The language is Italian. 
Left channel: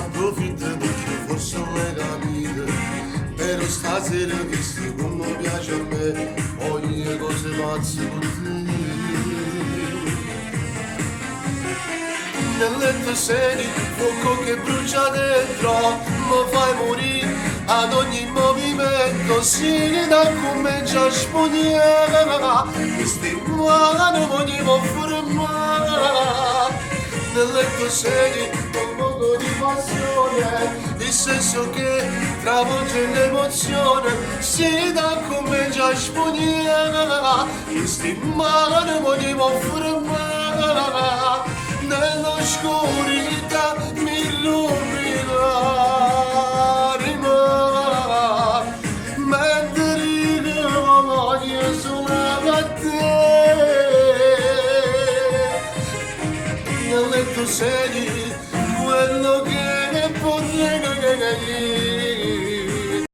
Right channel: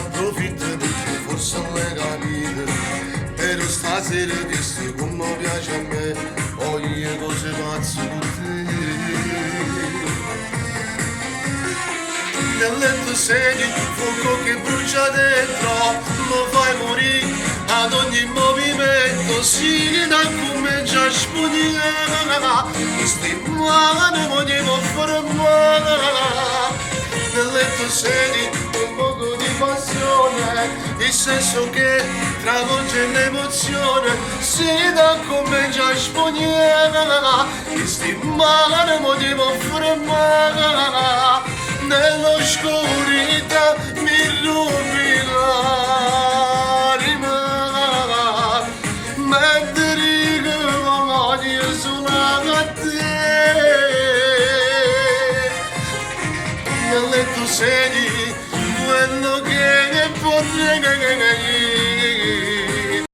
approfitta di te, forse non l'hai capito. Però stasera visto come piace a me, ogni cose pazze con te. Nel letto sedi, fuoco che brucia dentro, lo fai morire ad ogni movimento, si da come già spudiera, questi mani volevo fermare. Nel letto sedi, un poco di passione, il senso che travolge l'emozione, si da come già spudiera, questi mani volevo fermare. Nell'oscurità mi rubi l'anima, mentre ricordo solo a te. Nel letto sedi, quello